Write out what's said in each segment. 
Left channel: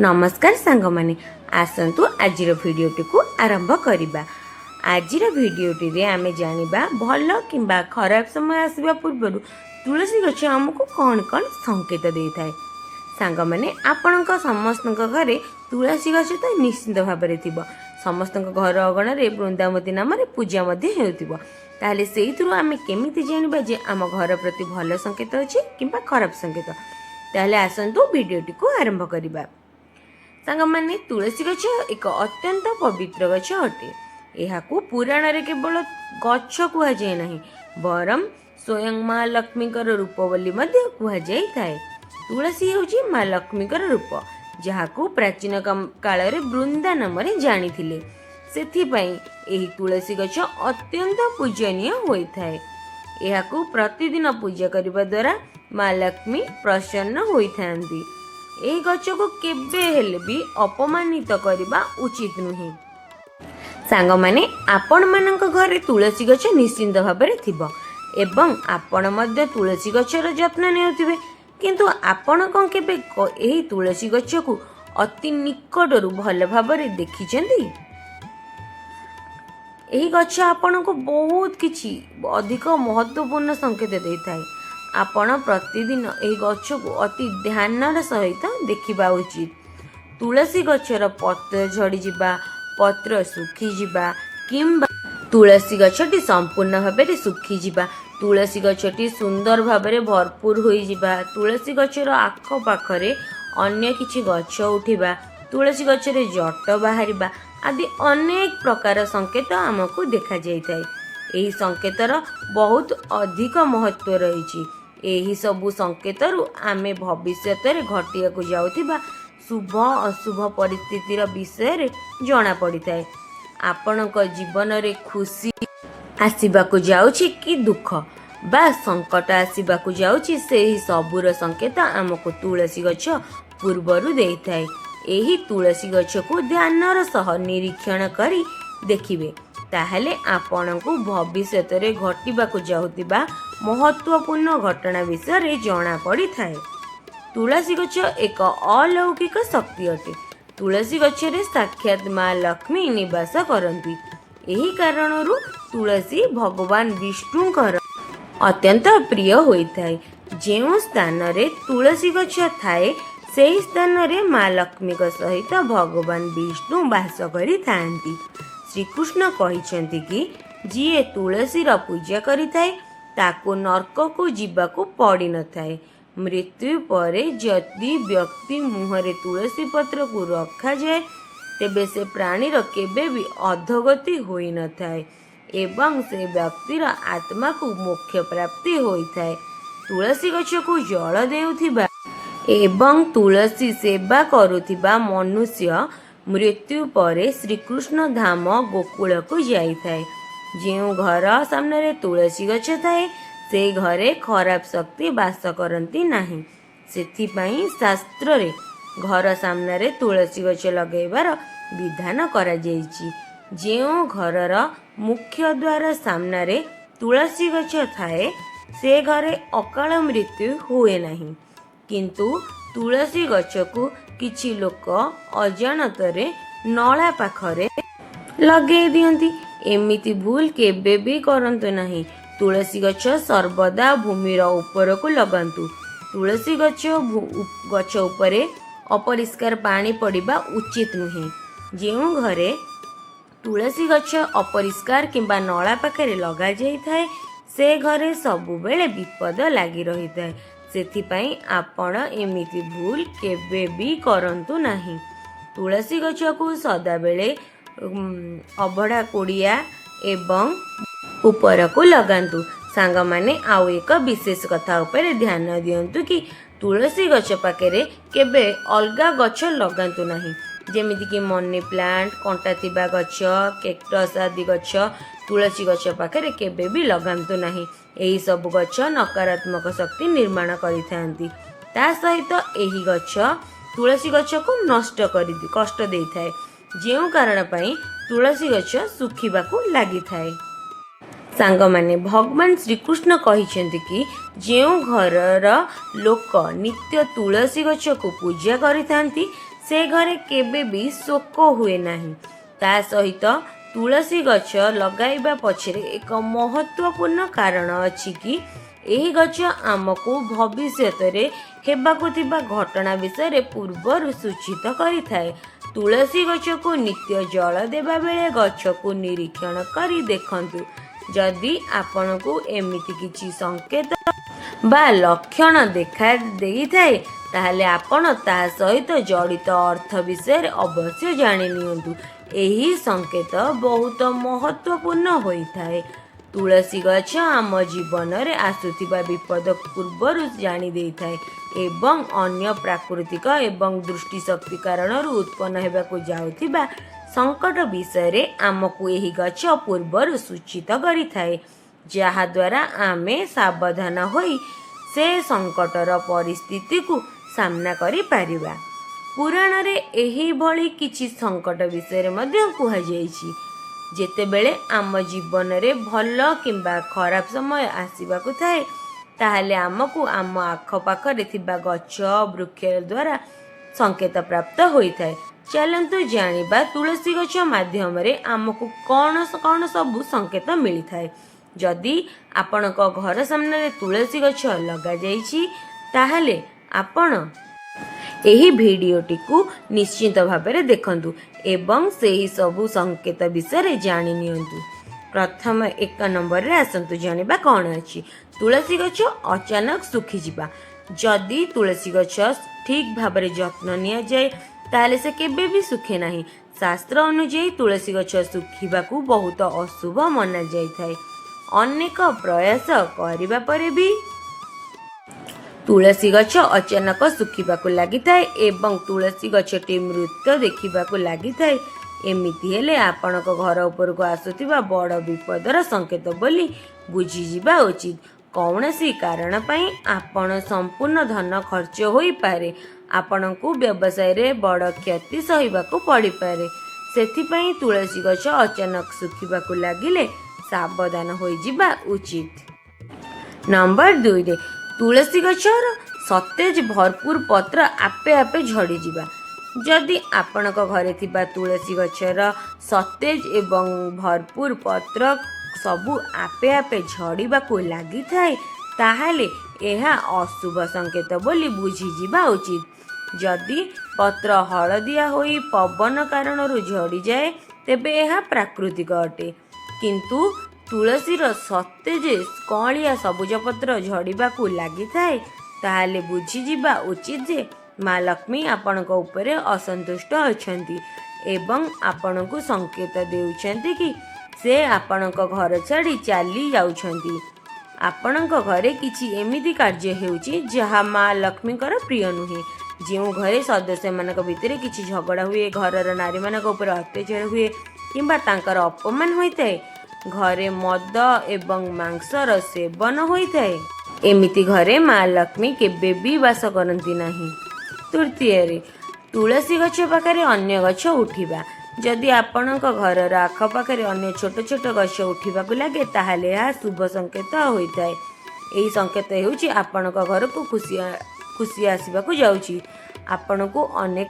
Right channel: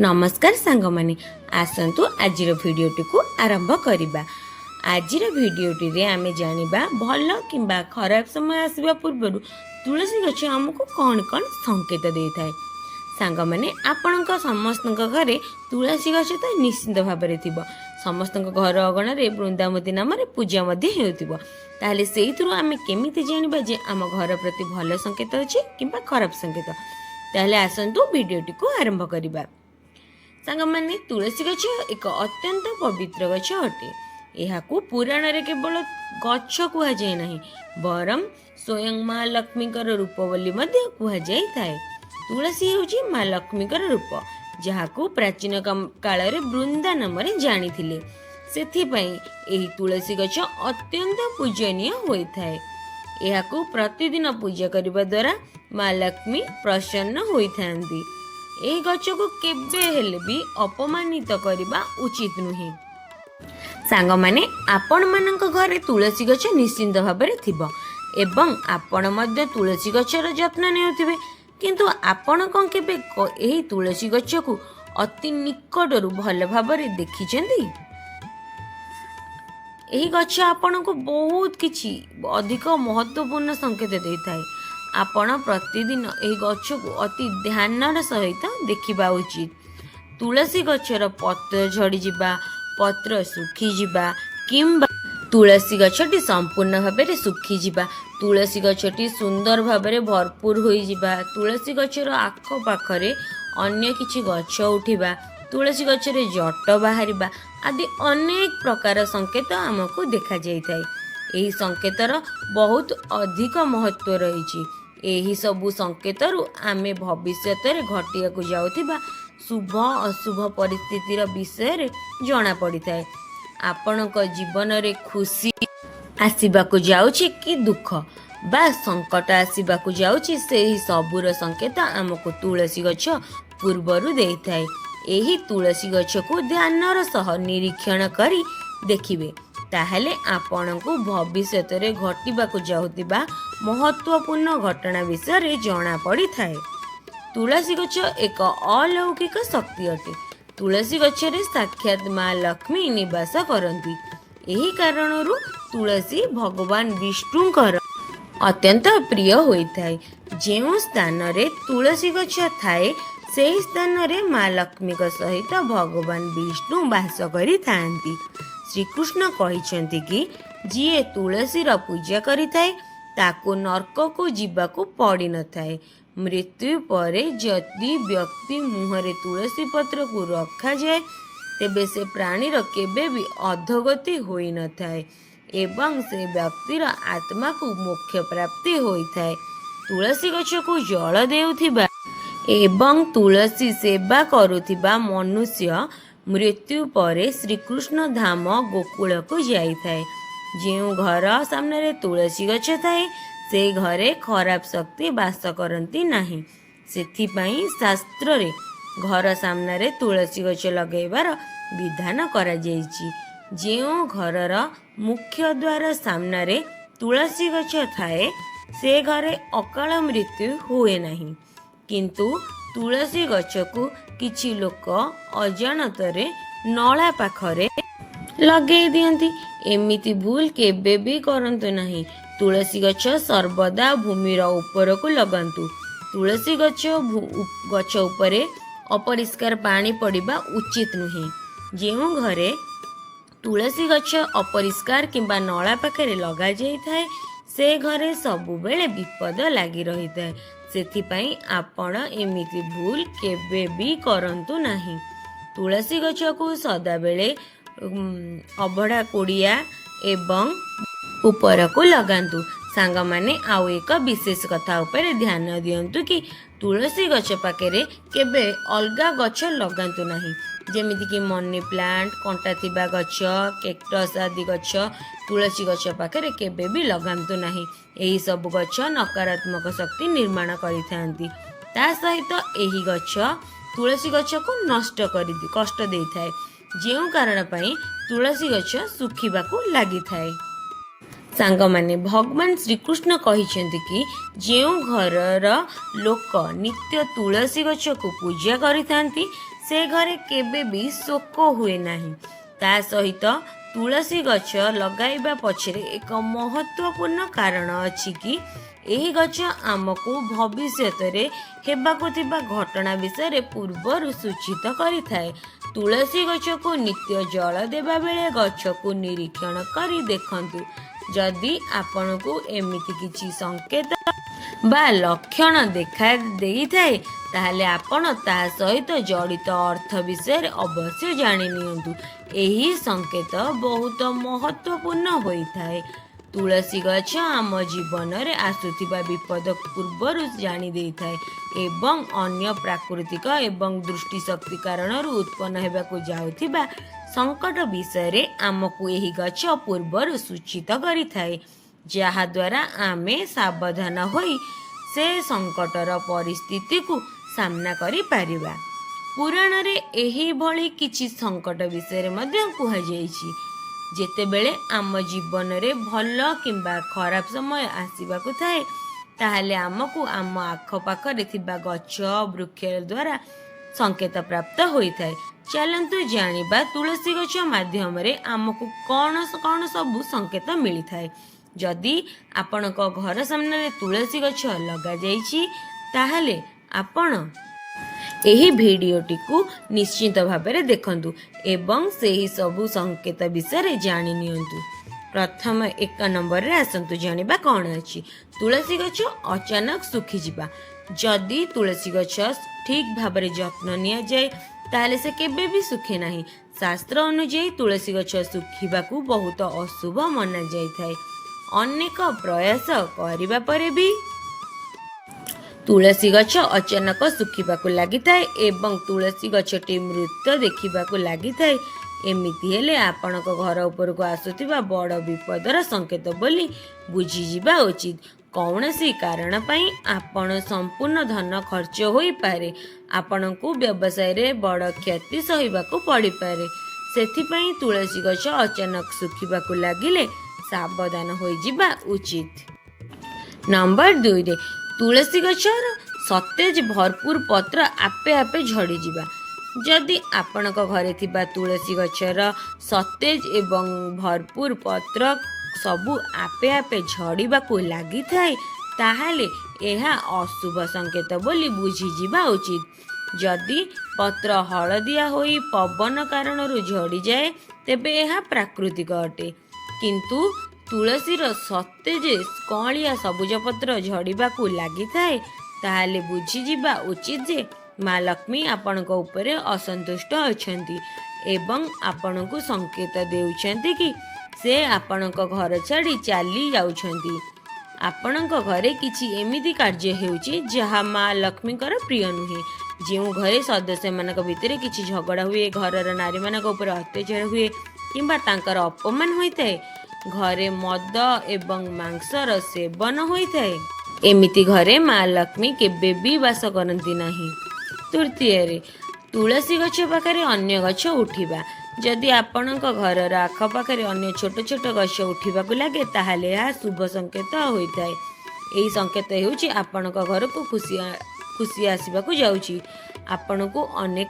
नमस्कार सांग माने आसतु आज भिडियोटी को आरंभ करवा। आज भिडियोटी रे आमे जानिबा भल किंबा खराब समय आसवा पूर्व तुलसी गछ आमको कौन कौन संकेत दे थाए। सांग माने आपणक समस्त घरे तुलसी गछ तो निश्चित भाव में थी। समस्त घर अगण रे वृंदावती नाम पूजा ताहले सेइथुरु आमे केमिति जानिबा जे आम घर प्रति भल संकेत अछि किंबा खराब संकेत। ताहले आसंतु भिडियोटी को आरंभ करवा। सांग माने तुलसी गछ एक अत्यंत पवित्र गछ अटे। एहाकू पुराण रे केवल गछ कुहा जाय नाही बरम स्वयं माँ लक्ष्मी रूप बोली मध्य कुहा जाय थाए। तुलसी हेउची माँ लक्ष्मी रूप जहाकू प्राचीन काल रे वृंदा नाम रे जानी थिले। सेथिपाई एही तुलसी गछ अत्यंत पूजनीय होई थाए। एहाकू प्रतिदिन पूजा करबा द्वारा माँ लक्ष्मी प्रसन्न होई थांती। एही गछ को केबे हेले भी अपमानित करबा उचित नुहे। सांग माने आपण मानक घरे तुलसी गछ निश्चिंत भाव में थिबो एवं आपण मध्य तुलसी गछर जत्न नेउथिबे, किंतु आपण कोन केबे एही तुलसी गछ को अति निकटरू भल भाव में देखिचंदी। एही गछ आपण को बहुत किछि अधिक महत्वपूर्ण संकेत देई थाए। आपण प्रतिदिन एही गछ को अति ध्यान सहित देखिबा उचित। तुलसी गछर पत्र झड़ी जिबा, पत्र सुखी जिबा किंबा तुलसी गछटी संपूर्ण भाव में सुखी जिबा, तुलसी गछटी सुंदर भाव में भरपूर होई जिबा, तुलसी गछर आख पाखरे अन्य किछि गछ उठिबा, तुलसी गछरे जट बाहरिबा आदि अनेक प्रकार संकेत आमको देखा जाय थाए। एही संकेतर बहुत अधिक महत्व रही। एही सबु संकेतरु आमे भविष्यत रे घटिया को जाउथिबा शुभ अशुभ परिस्थितिर विषय रे जणा पड़ी थाए। आपणक जीवन रे खुशी आसीबाकू जाउछि कि दुख बा संकट आसीबाकू जाउछि सेही सबुर संकेत आमको तुलसी गछ पूर्वरु देई थाए। एही तुलसी गछ को ध्यानर सह निरीक्षण करी देखिबे, ताहले आपणकू भविष्यत रे घटिबाकू जाउतिबा महत्वपूर्ण घटना विषय रे जणा पड़ी थाए। तुलसी गछ एक अलौकिक शक्ति अटे। तुलसी गछ रे साक्षात माँ लक्ष्मी निवास करंती। एही कारणरू तुलसी भगवान विष्णुकर अत्यंत प्रिय होई थाए। जेउ स्थान रे तुलसी गछ थाए सेही स्थान रे माँ लक्ष्मी सहित भगवान विष्णु वास करि थांती। श्रीकृष्ण कहिसेंती कि जिए तुलसी रा पूजा करि थाए ताको नरक को जीवाकू पड़ी न थाए। मृत्यु परे जदि व्यक्ति मुहरे तुलसी पत्र को रखा जाए तेबे से प्राणीर केबे भी अधोगति होई न थाए एवं से व्यक्तिर आत्मा को मोक्ष प्राप्ति होई थाए। तुलसी गछ को जल देउथिबा एवं तुलसी सेवा करुथिबा मनुष्य मृत्यु परे श्रीकृष्ण धाम गोकुल को जाई थाए। जेउ घर सामने रे तुलसी गछ थाए से घरे खराब शक्ति वास करती नाही। सेथिपाई शास्त्र रे घर सामने रे तुलसी गछ लगेबार विधान करा जायछि। जेउ घरर मुख्य द्वार सामने रे तुलसी गछ थाए से घरे अकाल मृत्यु हुए नाही, किंतु तुलसी गछ को किछि लोक अजाणतरे नला पाखरे लगे दियंती। एमिति भूल केबे भी करंतु नाही। तुलसी गछ सर्वदा भूमिर ऊपर को लगांतु। तुलसी गछ उपरे अपरिष्कार पानी पड़िबा उचित नुहे। जेउ घरे तुलसी गछ अपरिष्कार किंबा नला पाखरे लगा जाई थाए से घरे सबु बेले विपद लागी रही थाए। सेथिपाई आपण एमिति भूल केबे भी करंतु नाही। तुलसी गछ को सदा बेले अभड़ा कुड़िया एवं ऊपर को लगांतु। सांग माने आउ एक विशेष कथा उपरे ध्यान दियंतु कि तुलसी गछ पाखरे केबे अलगा गछ लगांतु नाही। जेमिति कि मनी प्लांट, कंटा थिबा गछ, केक्टस आदि गछ तुलसी गछ पाखरे केबे भी लगांतु नाही। एही सब गछ नकारात्मक शक्ति निर्माण करिथांती। ता सहित एही गछ तुलसी गछ को नष्ट करि कष्ट देई थाए। जेउ कारण पई तुलसी गछ सुखिबाकू लागि थाए। सांग माने भगवान श्रीकृष्ण कहिसेंती कि जेउ घरर लोक नित्य तुलसी गछ को पूजा करिथांती ସେ ଘରେ କେବେ ବି ଶୋକ ହୁଏ ନାହିଁ। ତା ସହିତ ତୁଳସୀ ଗଛ ଲଗାଇବା ପଛରେ ଏକ ମହତ୍ତ୍ୱପୂର୍ଣ୍ଣ କାରଣ ଅଛି କି ଏହି ଗଛ ଆମକୁ ଭବିଷ୍ୟତରେ ହେବାକୁ ଥିବା ଘଟଣା ବିଷୟରେ ପୂର୍ବରୁ ସୂଚିତ କରିଥାଏ। ତୁଳସୀ ଗଛକୁ ନିତ୍ୟ ଜଳ ଦେବା ବେଳେ ଗଛକୁ ନିରୀକ୍ଷଣ କରି ଦେଖନ୍ତୁ। ଯଦି ଆପଣଙ୍କୁ ଏମିତି କିଛି ସଂକେତ ବା ଲକ୍ଷଣ ଦେଖା ଦେଇଥାଏ, ତାହେଲେ ଆପଣ ତା ସହିତ ଜଡ଼ିତ ଅର୍ଥ ବିଷୟରେ ଅବଶ୍ୟ ଜାଣି ନିଅନ୍ତୁ। ଏହି ସଂକେତ ବହୁତ ମହତ୍ତ୍ୱପୂର୍ଣ୍ଣ ହୋଇଥାଏ। ତୁଳସୀ ଗଛ ଆମ ଜୀବନରେ ଆସୁଥିବା ବିପଦ ପୂର୍ବରୁ ଜାଣି ଦେଇଥାଏ ଏବଂ ଅନ୍ୟ ପ୍ରାକୃତିକ ଏବଂ ଦୃଷ୍ଟିଶକ୍ତି କାରଣରୁ ଉତ୍ପନ୍ନ ହେବାକୁ ଯାଉଥିବା ସଂକଟ ବିଷୟରେ ଆମକୁ ଏହି ଗଛ ପୂର୍ବରୁ ସୂଚିତ କରିଥାଏ, ଯାହାଦ୍ୱାରା ଆମେ ସାବଧାନ ହୋଇ ସେ ସଂକଟର ପରିସ୍ଥିତିକୁ ସାମ୍ନା କରିପାରିବା। ପୁରାଣରେ ଏହିଭଳି କିଛି ସଂକଟ ବିଷୟରେ ମଧ୍ୟ କୁହାଯାଇଛି। ଯେତେବେଳେ ଆମ ଜୀବନରେ ଭଲ କିମ୍ବା ଖରାପ ସମୟ ଆସିବାକୁ ଥାଏ, ତାହେଲେ ଆମକୁ ଆମ ଆଖପାଖରେ ଥିବା ଗଛ ବୃକ୍ଷ ଦ୍ୱାରା ସଂକେତ ପ୍ରାପ୍ତ ହୋଇଥାଏ। ଚାଲନ୍ତୁ ଜାଣିବା ତୁଳସୀ ଗଛ ମାଧ୍ୟମରେ ଆମକୁ କ'ଣ କ'ଣ ସବୁ ସଂକେତ ମିଳିଥାଏ। ଯଦି ଆପଣଙ୍କ ଘର ସାମ୍ନାରେ ତୁଳସୀ ଗଛ ଲଗାଯାଇଛି, ତାହେଲେ ଆପଣ ଏହି ଭିଡ଼ିଓଟିକୁ ନିଶ୍ଚିତ ଭାବରେ ଦେଖନ୍ତୁ ଏବଂ ସେହି ସବୁ ସଂକେତ ବିଷୟରେ ଜାଣି ନିଅନ୍ତୁ। ପ୍ରଥମ 1 ନମ୍ବରରେ ଆସନ୍ତୁ ଜାଣିବା କ'ଣ ଅଛି। ତୁଳସୀ ଗଛ ଅଚାନକ ଶୁଖିଯିବା। ଯଦି ତୁଳସୀ ଗଛ ଠିକ୍ ଭାବରେ ଯତ୍ନ ନିଆଯାଏ, ତାହେଲେ ସେ କେବେ ବି ଶୁଖେ ନାହିଁ। ଶାସ୍ତ୍ର ଅନୁଯାୟୀ ତୁଳସୀ ଗଛ ଶୁଖିବାକୁ ବହୁତ ଅଶୁଭ ମନାଯାଇଥାଏ। ଅନେକ ପ୍ରୟାସ କରିବା ପରେ ବି ତୁଳସୀ ଗଛ ଅଚାନକ ଶୁଖିବାକୁ ଲାଗିଥାଏ ଏବଂ ତୁଳସୀ ଗଛଟି ମୃତ ଦେଖିବାକୁ ଲାଗିଥାଏ। ଏମିତି ହେଲେ ଆପଣଙ୍କ ଘର ଉପରକୁ ଆସୁଥିବା ବଡ଼ ବିପଦର ସଂକେତ ବୋଲି ବୁଝିଯିବା ଉଚିତ। କୌଣସି କାରଣ ପାଇଁ ଆପଣ ସମ୍ପୂର୍ଣ୍ଣ ଧନ ଖର୍ଚ୍ଚ ହୋଇପାରେ। ଆପଣଙ୍କୁ ବ୍ୟବସାୟରେ ବଡ଼ କ୍ଷତି ସହିବାକୁ ପଡ଼ିପାରେ। ସେଥିପାଇଁ ତୁଳସୀ ଗଛ ଅଚାନକ ଶୁଖିବାକୁ ଲାଗିଲେ ସାବଧାନ ହୋଇଯିବା ଉଚିତ। ନମ୍ବର 2ରେ ତୁଳସୀ ଗଛର ସତେଜ ଭରପୁର ପତ୍ର ଆପେ ଆପେ ଝଡ଼ିଯିବା। ଯଦି ଆପଣଙ୍କ ଘରେ ଥିବା ତୁଳସୀ ଗଛର ସତେଜ ଏବଂ ଭରପୁର ପତ୍ର ସବୁ ଆପେ ଆପେ ଝଡ଼ିବାକୁ ଲାଗିଥାଏ, ତାହେଲେ ଏହା ଅଶୁଭ ସଂକେତ ବୋଲି ବୁଝିଯିବା ଉଚିତ। ଯଦି ପତ୍ର ହଳଦିଆ ହୋଇ ପବନ କାରଣରୁ ଝଡ଼ିଯାଏ, ତେବେ ଏହା ପ୍ରାକୃତିକ ଅଟେ। କିନ୍ତୁ ତୁଳସୀର ସତେଜ କଅଁଳିଆ ସବୁଜ ପତ୍ର ଝଡ଼ିବାକୁ ଲାଗିଥାଏ, ତାହେଲେ ବୁଝିଯିବା ଉଚିତ ଯେ ମା ଲକ୍ଷ୍ମୀ ଆପଣଙ୍କ ଉପରେ ଅସନ୍ତୁଷ୍ଟ ଅଛନ୍ତି ଏବଂ ଆପଣଙ୍କୁ ସଂକେତ ଦେଉଛନ୍ତି କି ସେ ଆପଣଙ୍କ ଘର ଛାଡ଼ି ଚାଲି ଯାଉଛନ୍ତି। ଆପଣଙ୍କ ଘରେ କିଛି ଏମିତି କାର୍ଯ୍ୟ ହେଉଛି ଯାହା ମା ଲକ୍ଷ୍ମୀଙ୍କର ପ୍ରିୟ ନୁହେଁ। ଯେଉଁ ଘରେ ସଦସ୍ୟମାନଙ୍କ ଭିତରେ କିଛି ଝଗଡ଼ା ହୁଏ, ଘରର ନାରୀମାନଙ୍କ ଉପରେ ଅତ୍ୟାଚାର ହୁଏ କିମ୍ବା ତାଙ୍କର ଅପମାନ ହୋଇଥାଏ, ଘରେ ମଦ ଏବଂ ମାଂସର ସେବନ ହୋଇଥାଏ, ଏମିତି ଘରେ ମା ଲକ୍ଷ୍ମୀ କେବେ ବି ବାସ କରନ୍ତି ନାହିଁ। ତୃତୀୟରେ ତୁଳସୀ ଗଛ ପାଖରେ ଅନ୍ୟ ଗଛ ଉଠିବା। ଯଦି ଆପଣଙ୍କ ଘରର ଆଖପାଖରେ ଅନ୍ୟ ଛୋଟ ଛୋଟ ଗଛ ଉଠିବାକୁ ଲାଗେ, ତାହେଲେ ଏହା ଶୁଭ ସଂକେତ ହୋଇଥାଏ। ଏହି ସଂକେତ ହେଉଛି ଆପଣଙ୍କ ଘରକୁ ଖୁସି ଆସିବାକୁ ଯାଉଛି। ଆପଣଙ୍କୁ ଅନେକ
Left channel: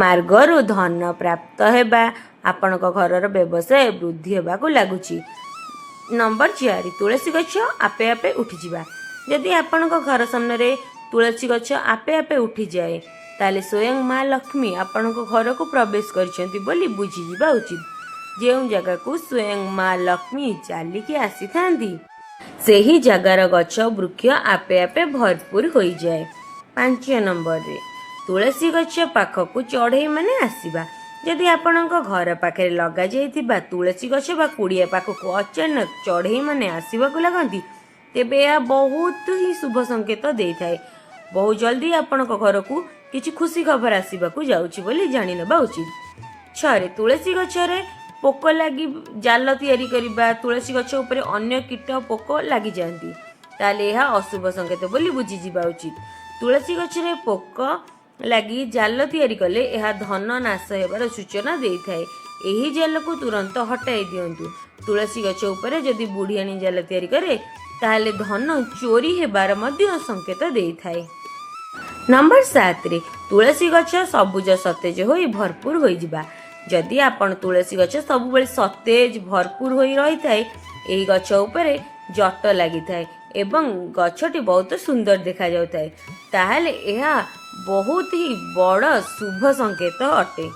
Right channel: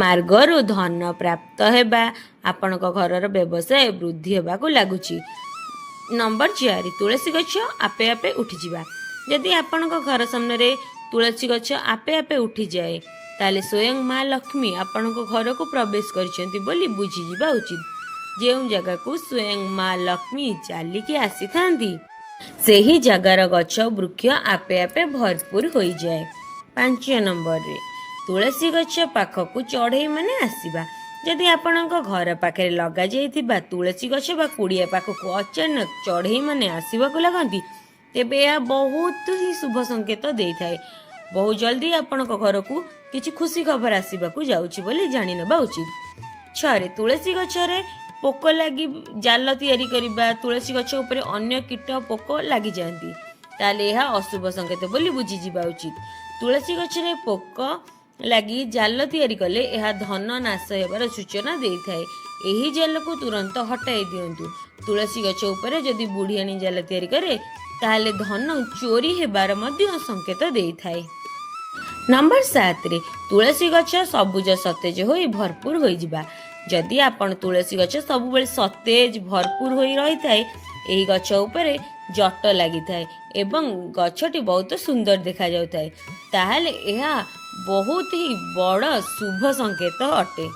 ମାର୍ଗରୁ ଧନ ପ୍ରାପ୍ତ ହେବା, ଆପଣଙ୍କ ଘରର ବ୍ୟବସାୟ ବୃଦ୍ଧି ହେବାକୁ ଲାଗୁଛି। ନମ୍ବର 4 ତୁଳସୀ ଗଛ ଆପେ ଆପେ ଉଠିଯିବା। ଯଦି ଆପଣଙ୍କ ଘର ସାମ୍ନାରେ ତୁଳସୀ ଗଛ ଆପେ ଆପେ ଉଠିଯାଏ, ତାହେଲେ ସ୍ୱୟଂ ମା ଲକ୍ଷ୍ମୀ ଆପଣଙ୍କ ଘରକୁ ପ୍ରବେଶ କରିଛନ୍ତି ବୋଲି ବୁଝିଯିବା ଉଚିତ। ଯେଉଁ ଜାଗାକୁ ସ୍ୱୟଂ ମା ଲକ୍ଷ୍ମୀ ଚାଲିକି ଆସିଥାନ୍ତି, ସେହି ଜାଗାର ଗଛ ବୃକ୍ଷ ଆପେ ଆପେ ଭରପୁର ହୋଇଯାଏ। 5 ନମ୍ବରରେ ତୁଳସୀ ଗଛ ପାଖକୁ ଚଢ଼େଇ ମାନେ ଆସିବା। ଯଦି ଆପଣଙ୍କ ଘର ପାଖରେ ଲଗାଯାଇଥିବା ତୁଳସୀ ଗଛ ବା କୁଡ଼ିଆ ପାଖକୁ ଅଚାନକ ଚଢ଼େଇ ମାନେ ଆସିବାକୁ ଲାଗନ୍ତି, ତେବେ ଏହା ବହୁତ ହିଁ ଶୁଭ ସଂକେତ ଦେଇଥାଏ। ବହୁ ଜଲ୍ଦି ଆପଣଙ୍କ ଘରକୁ କିଛି ଖୁସି ଖବର ଆସିବାକୁ ଯାଉଛି ବୋଲି ଜାଣିନେବା ଉଚିତ। 6 ତୁଳସୀ ଗଛରେ ପୋକ ଲାଗି ଜାଲ ତିଆରି କରିବା। ତୁଳସୀ ଗଛ ଉପରେ ଅନ୍ୟ କୀଟ ପୋକ ଲାଗିଯାଆନ୍ତି, ତାହେଲେ ଏହା ଅଶୁଭ ସଂକେତ ବୋଲି ବୁଝିଯିବା ଉଚିତ। ତୁଳସୀ ଗଛରେ ପୋକ ଲାଗି ଜାଲ ତିଆରି କଲେ ଏହା ଧନ ନାଶ ହେବାର ସୂଚନା ଦେଇଥାଏ। ଏହି ଜାଲକୁ ତୁରନ୍ତ ହଟାଇ ଦିଅନ୍ତୁ। ତୁଳସୀ ଗଛ ଉପରେ ଯଦି ବୁଢ଼ିଆଣୀ ଜାଲ ତିଆରି କରେ, ତାହେଲେ ଧନ ଚୋରି ହେବାର ମଧ୍ୟ ସଂକେତ ଦେଇଥାଏ। नंबर 7 रे तुलसी गछ सबुज सतेज होई भरपूर होई जिबा। जदि आपण तुलसी गछ सब बेले सतेज भरपूर होई रही थाए एही गछ उपरे जट लागि थाए एवं गछटी बहुत सुंदर देखा जाउ थाए ताहाले एहा बहुत ही बड़ शुभ संकेत अटे।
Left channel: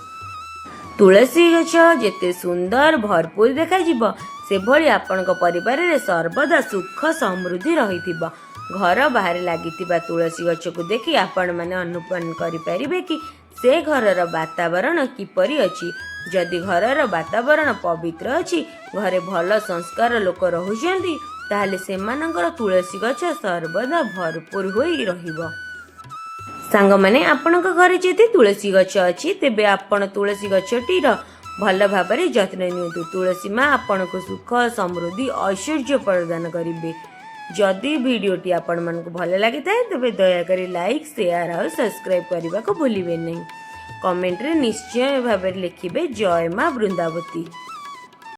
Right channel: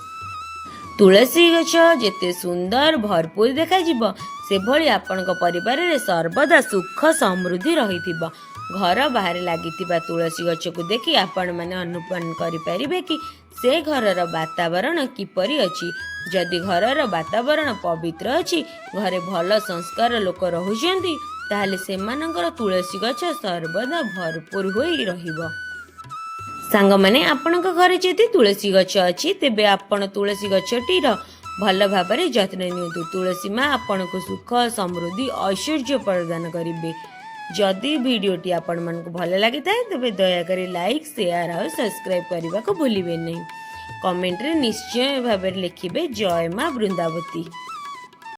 तुलसी गछ जेते सुंदर भरपूर देखा जिवो से भली आपणक परिवार रे सर्वदा सुख समृद्धि रहिथिबो। घर बाहर लागिथिबा तुलसी गछ को देखि आपण माने अनुमान करि परिबे कि से घरर वातावरण किपरि अछि। जदि घरर वातावरण पवित्र अछि घरे भल संस्कार लोक रहुचंती ताहाले सेमानकर तुलसी गछ सर्वदा भरपूर होई रहिबो। सांग माने आपणक घरे जदि तुलसी गछ अछि तेबे आपण तुलसी गछटीर भल भाबरे जत्न नियंतु। तुलसी माँ आपणक सुख समृद्धि ऐश्वर्य प्रदान करिबे। जदि वीडियोटी आपण मानक भल लगी थाए तेबे दयाकरी लाइक शेयर और सब्सक्राइब करने को भूलिबे नहीं। कमेंट रे निश्चय भाबरे लिखिबे जय माँ वृंदावती।